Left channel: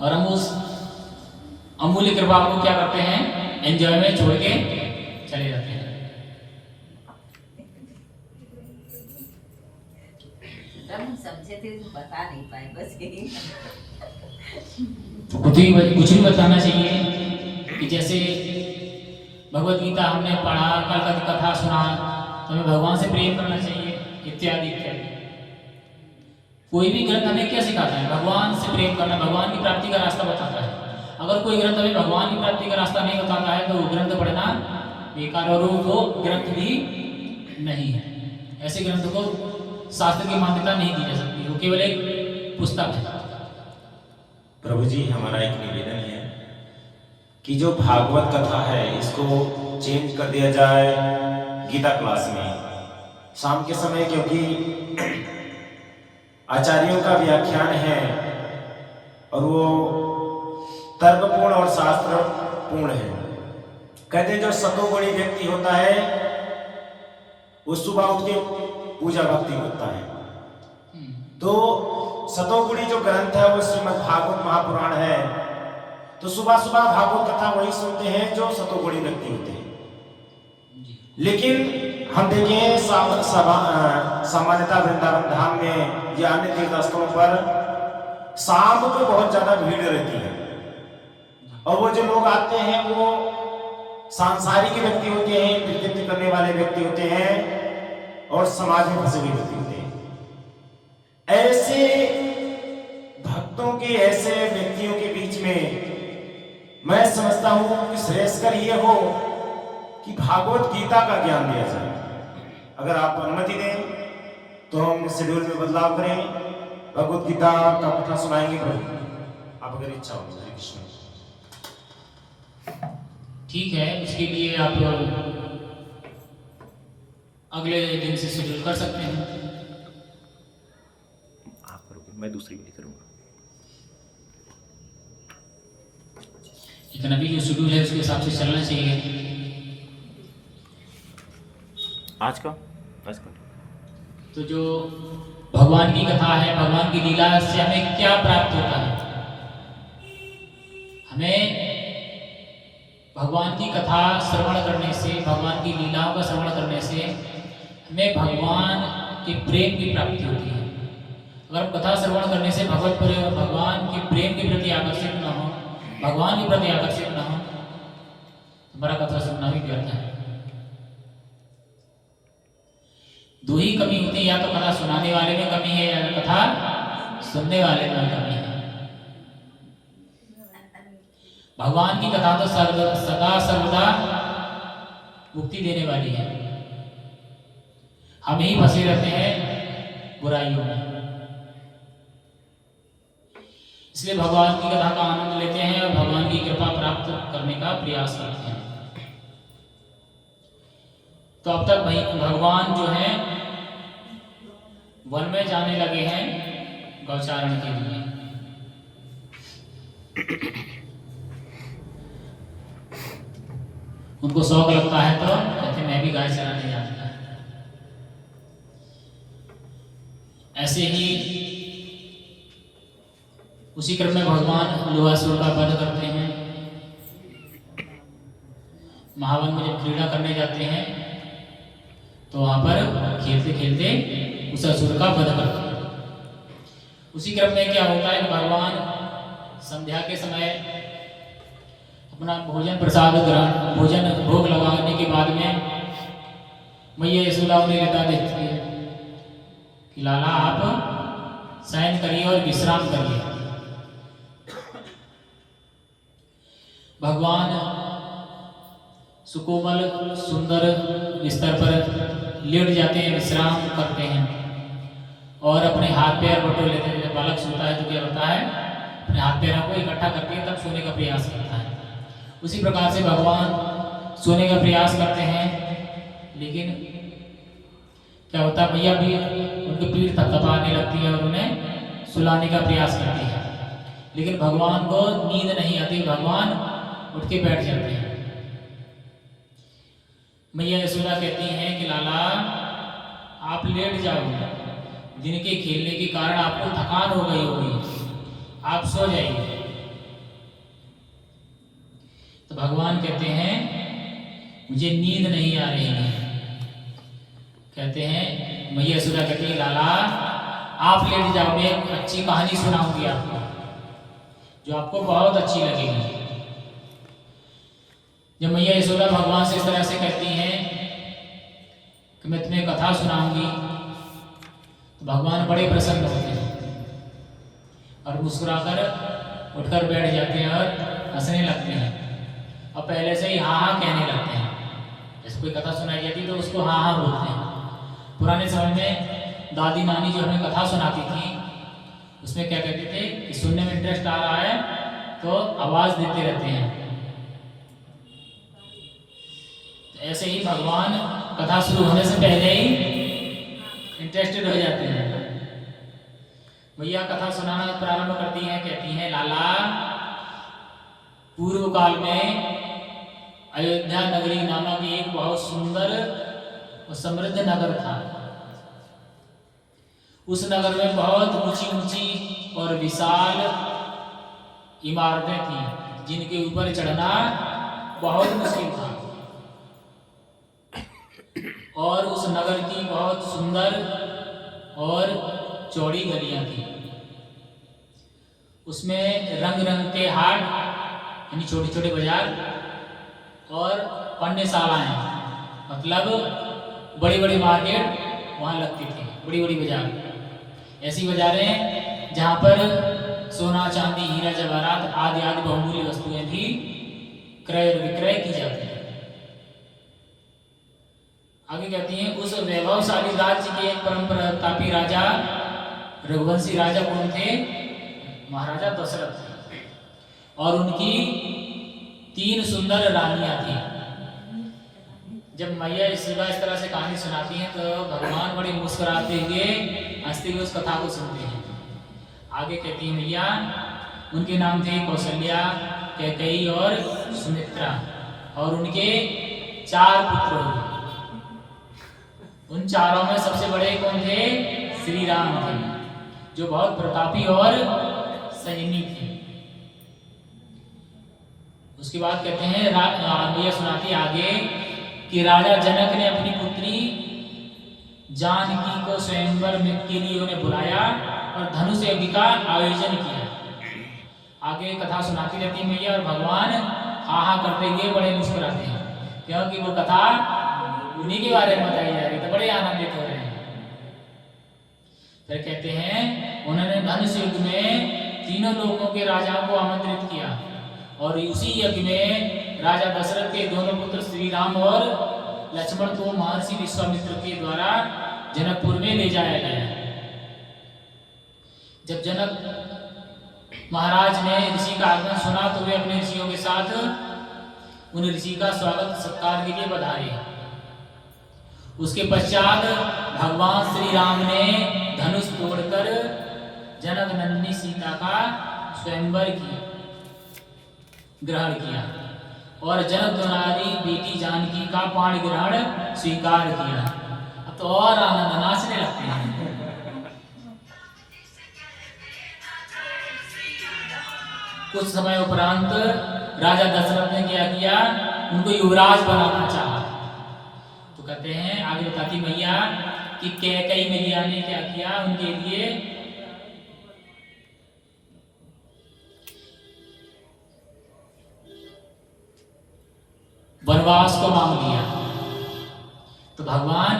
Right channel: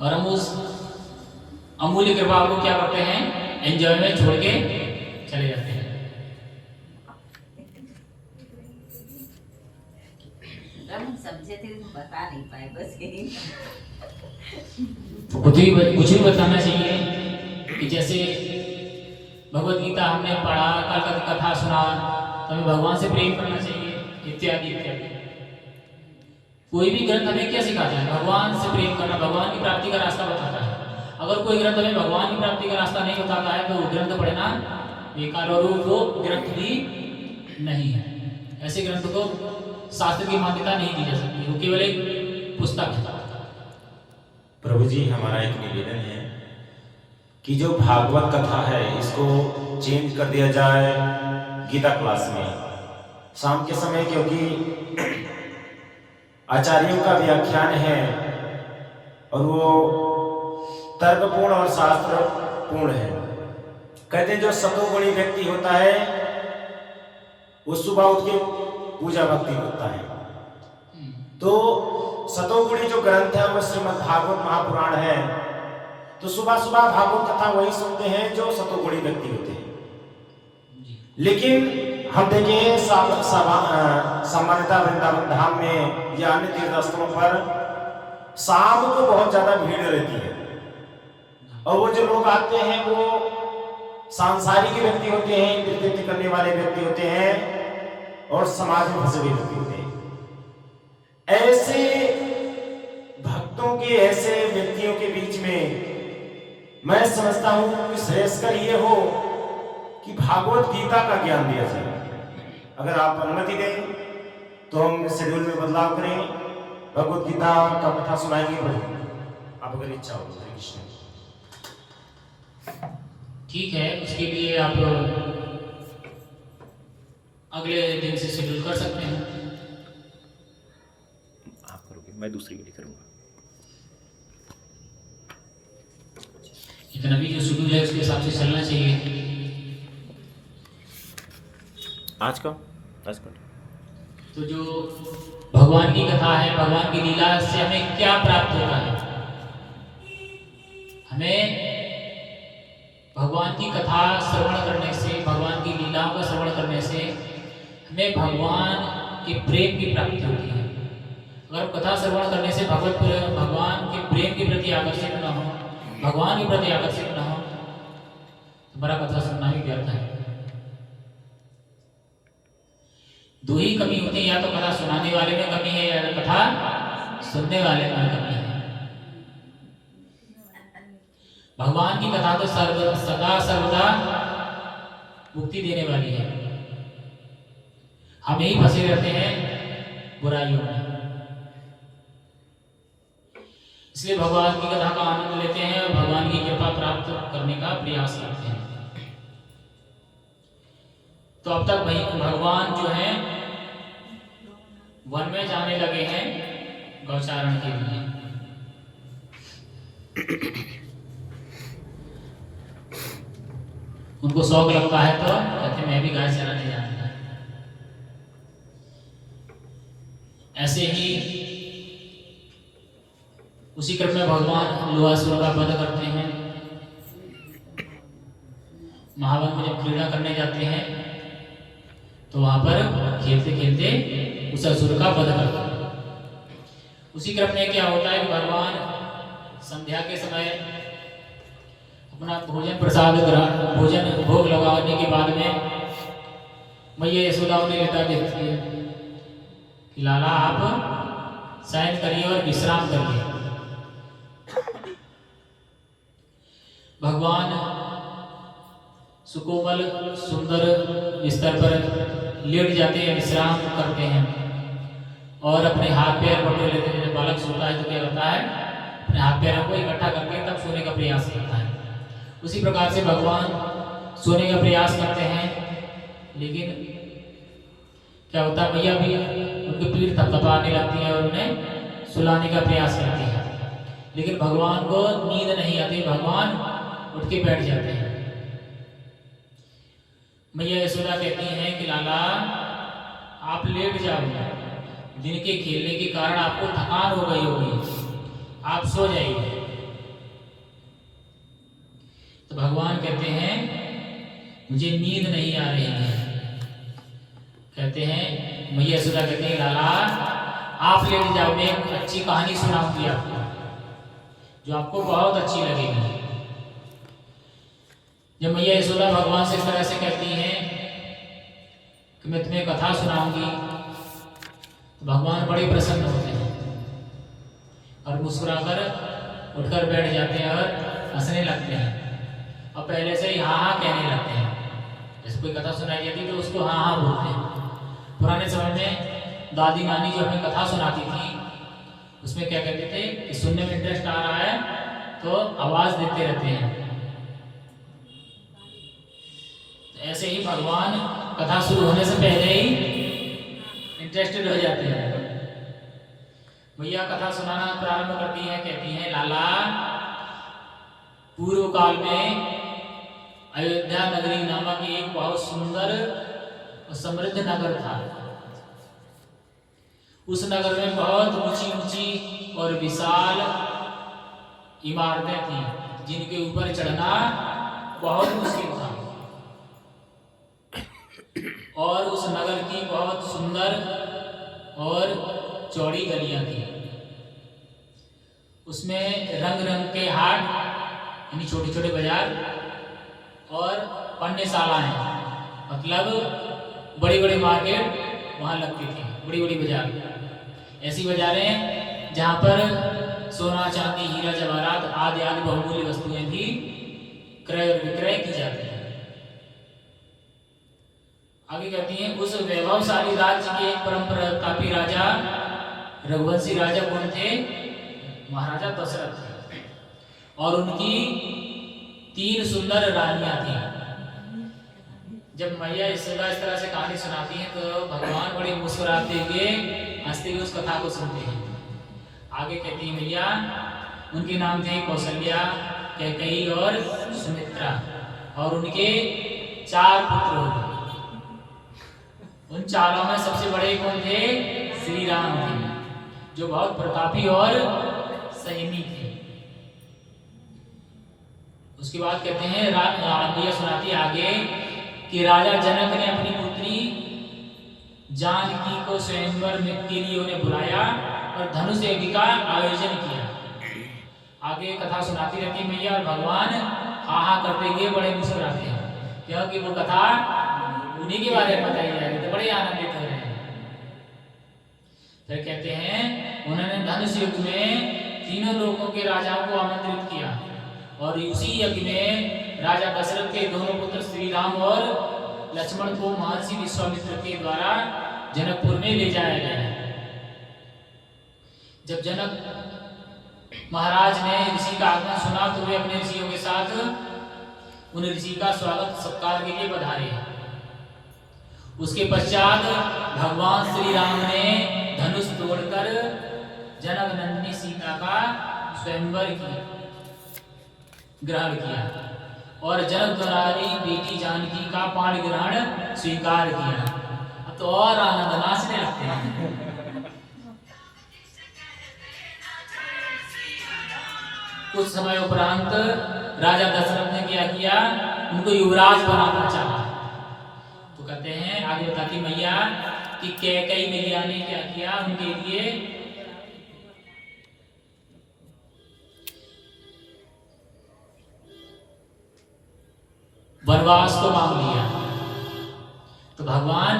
और हम उस अमूल्य कृपा को क्या करते हैं, एंजॉय में छोड़ के चले जाते हैं। समझे थे तो बता नहीं पाए, बस यही। कुछ भी बताना चाहिए कि जैसे भगवत गीता हमने पढ़ा, कल कथा सुना, तो हमें भगवान से प्रेम करना चाहिए, इत्यादि इत्यादि। कोई भी ग्रंथ हमें क्या सिखाता है, भगवान से प्रेम करना, भगवान की प्राप्ति का रास्ता बताता है। अगर कोई ग्रंथ हमें भगवान की प्राप्ति का रास्ता नहीं बताता है तो वो ग्रंथ पढ़ना बेकार, और वो ग्रंथ भी नहीं है। ऐसे ग्रंथ को शास्त्र की मान्यता नहीं दी जा सकती, वो केवल एक पुस्तक है। प्रभु जी, हमारा एक निवेदन है कि जो भागवत कथा है इसको चेंज कर दिया जाए गीता क्लास में शाम के समय, क्योंकि आचार्यों का व्याख्यान है और वो तर्कपूर्ण और शास्त्रपूर्ण है। कहते हैं जो सतोगुणी व्यक्ति होता है वो सुबह उठ के पूजा भक्ति करता है। तो सतोगुणी जो ग्रंथ है वो श्रीमद् भागवत महापुराण है, तो सुबह सुबह भागवत कथा वही सुनते हैं जो सतोगुणी व्यक्ति होते हैं। लेकिन हम देखें सामान्यतः वृंदावन धाम में या अन्य तीर्थ स्थलों पर शाम को बहुत ज्यादा भीड़ रहती है, और वो जो लोग आते हैं वो सांसारिक व्यक्ति होते हैं, कृत्य करने वाले व्यक्ति होते हैं और समाज में फंसे हुए व्यक्ति होते हैं। ऐसे भक्तों के, ऐसे व्यक्तियों के बीच में मैं समझता हूं कि श्रेयस्कर ये हो कि भागवत गीता का ज्ञान दिया जाए। अगर आप अनुमति दें तो हम शेड्यूल में बदलाव करें, भगवत गीता का कथा सुनाएंगे प्रभु, आप अगर इच्छा हो। हरे कृष्ण। ठीक है, उसके लिए आप अगले दिन से शेड्यूल कर सकते हैं। आप करोगे, मैं दूसरी वाली करूंगा। लेकिन अभी जो शेड्यूल है उसके हिसाब से चलना चाहिए। आज का तो जो भगवान की कथा है, भगवान की लीला से हमें क्या प्राप्त होता है? हमें भगवान की कथा श्रवण करने से, भगवान की लीलाओं का श्रवण करने से हमें भगवान के प्रेम की प्राप्ति होती है। अगर कथा श्रवण करने से भगवान के प्रेम के प्रति आकर्षित न हो, भगवान के प्रति आकर्षित न हो, तो हमारा कथा सुनना भी व्यर्थ है। दो ही कमी होती है, या तो कथा सुनाने वाले में कमी है या कथा सुनने वाले में कमी है। भगवान की कथा तो सदा सर्वदा मुक्ति देने वाली है। हम ही फंसे रहते हैं बुराइयों में, इसलिए भगवान की कथा का आनंद लेते हैं और भगवान की कृपा प्राप्त करने का प्रयास करते हैं। तो अब तक भगवान जो है वन में जाने लगे हैं गौचारण के लिए। उनको शौक लगता है तो कहते मैं भी गाय चराने जाता है। ऐसे ही उसी क्रम में भगवान लोहासुर का वध करते हैं। महावन में जब क्रीड़ा करने जाते हैं तो वहां पर खेलते खेलते उस असुर का वध करते हैं। उसी क्रम में क्या होता है कि भगवान संध्या के समय अपना भोजन प्रसाद भोजन भोग लगाने के बाद में मैया यशोदा उन्हें लेता देखती है कि लाला आप शयन करिए और विश्राम करिए। भगवान सुकोमल सुंदर बिस्तर पर लेट जाते हैं, विश्राम करते हैं और अपने हाथ पैर बटोर लेते हैं। जब बालक सोता है तो क्या होता है, अपने हाथ पैरों को इकट्ठा करके तब सोने का प्रयास करता है। उसी प्रकार से भगवान सोने का प्रयास करते हैं, लेकिन क्या होता है, मैया भी उनकी पीठ थपथपाने लगती है और उन्हें सुलाने का प्रयास करती है, लेकिन भगवान को नींद नहीं आती। भगवान उठ के बैठ जाते हैं। मैया यशोदा कहती हैं कि लाला आप लेट जाओ, दिन के खेलने के कारण आपको थकान हो गई होगी, आप सो जाइए। तो भगवान कहते हैं मुझे नींद नहीं आ रही है। कहते हैं मैया यशोदा कहती है लाला आप लेट जाओ, मैं एक अच्छी कहानी सुनाऊंगी आपको जो आपको बहुत अच्छी लगेगी। जब मैया यशोदा भगवान से इस तरह से कहती हैं कि मैं तुम्हें कथा सुनाऊंगी, तो भगवान बड़े प्रसन्न होते हैं और मुस्कुराकर उठकर बैठ जाते हैं और हंसने लगते हैं और पहले से ही हाँ हाँ कहने लगते हैं। जैसे कोई कथा सुनाई जाती तो उसको हाँ हाँ बोलते हैं। पुराने समय में दादी नानी जो हमें कथा सुनाती थी उसमें क्या कहते थे कि सुनने में इंटरेस्ट आ रहा है तो आवाज देते रहते हैं। तो ऐसे ही भगवान कथा शुरू होने से पहले ही इंटरेस्टेड हो जाते हैं। भैया कथा सुनाना प्रारंभ करती हैं, कहती हैं लाला पूर्व काल में अयोध्या नगरी नामक एक बहुत सुंदर और समृद्ध नगर था। उस नगर में बहुत ऊंची ऊंची और विशाल इमारतें थीं जिनके ऊपर चढ़ना बहुत मुश्किल था और उस नगर की बहुत सुंदर और चौड़ी गलियां थी। उसमें रंग रंग के हाट यानी छोटे छोटे बाजार और पण्यशालाएं मतलब बड़ी बड़ी मार्केट वहाँ लगती थी, बड़ी बड़ी बाजार। ऐसी बाजारें जहाँ पर सोना चांदी हीरा जवाहरात आदि आदि बहुमूल्य वस्तुएं भी क्रय और विक्रय की जाती हैं। आगे कहती हैं उस वैभवशाली राज्य के एक परम प्रतापी राजा रघुवंशी राजा कौन थे? महाराजा दशरथ थे और उनकी 3 सुंदर रानियां थी। जब मैया इस तरह से कहानी सुनाती हैं तो भगवान बड़े मुस्कुराते हुए हंसते हुए उस कथा को सुनते हैं। आगे कहती है मैया उनके नाम थे कौशल्या, कैकेयी और सुमित्रा और उनके 4 पुत्र हुए। उन चारों में सबसे बड़े कौन थे? श्री राम थे जो बहुत प्रतापी और संयमी थे। उसके बाद कहते हैं मैया सुनाती आगे कि राजा जनक ने अपनी पुत्री जानकी को स्वयंवर के लिए उन्हें बुलाया और धनुष यज्ञ का आयोजन किया। आगे कथा सुनाती रहती मैया और भगवान हाँ हाँ करते हुए बड़े मुस्कुराते हैं क्योंकि वो कथा उन्हीं के बारे में बताई जा रही तो बड़े आनंदित हो रहे हैं। फिर कहते हैं उन्होंने धनुष युग में तीनों लोगों के राजाओं को आमंत्रित किया और उसी यज्ञ में राजा दशरथ के दोनों पुत्र श्री राम और लक्ष्मण को महर्षि विश्वामित्र के द्वारा जनकपुर में ले जाया गया। जब जनक महाराज ने ऋषि का आगमन सुना तो वे अपने ऋषियों के साथ उन ऋषि का स्वागत सत्कार के लिए पधारे। उसके पश्चात भगवान श्री राम ने धनुष तोड़कर जनक नंदिनी सीता का स्वयंवर ग्रहण किया और जनक द्वारी बेटी जानकी का पाणी ग्रहण स्वीकार किया। अब तो और आनंद नाचने लगते हैं। कुछ समय उपरांत राजा दशरथ ने क्या किया? उनको युवराज बनाना चाहा। तो कहते हैं आगे बताती मैया कि कैकेयी मैया ने क्या किया उनके लिए वनवास को मांग लिया। तो भगवान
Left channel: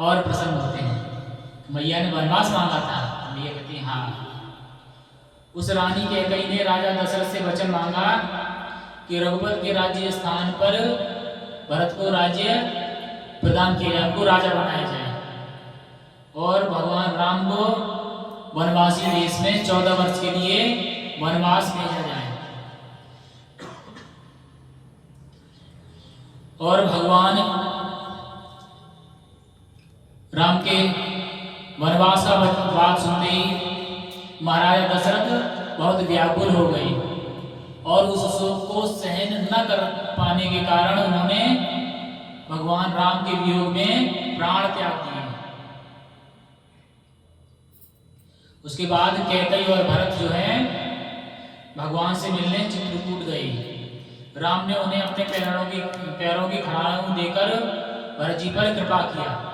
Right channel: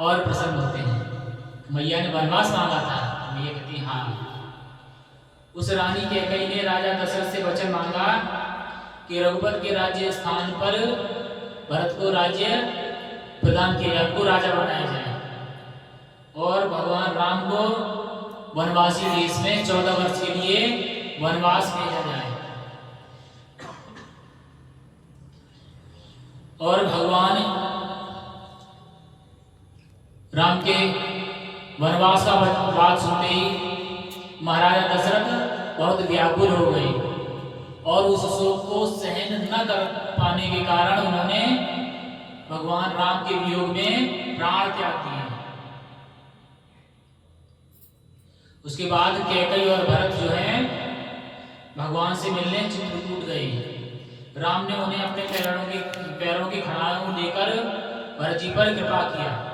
और प्रसन्न होते हैं। मैया ने वनवास मांगा था, मैया कहती हाँ। उस रानी कैकेयी ने राजा दशरथ से वचन मांगा कि रघुपति के राज्य स्थान पर भरत को राज्य प्रदान किया, को राजा बनाया जाए और भगवान राम को वनवासी देश में 14 वर्ष के लिए वनवास भेजा जाए। और भगवान राम के वनवास का बात सुनते ही महाराजा दशरथ बहुत व्याकुल हो गए और उस शोक को सहन न कर पाने के कारण उन्होंने भगवान राम के वियोग में प्राण त्याग दिए। उसके बाद कैकेयी और भरत जो है भगवान से मिलने चित्रकूट गए। राम ने उन्हें अपने पैरों की खड़ाऊ देकर भरत जी पर कृपा किया।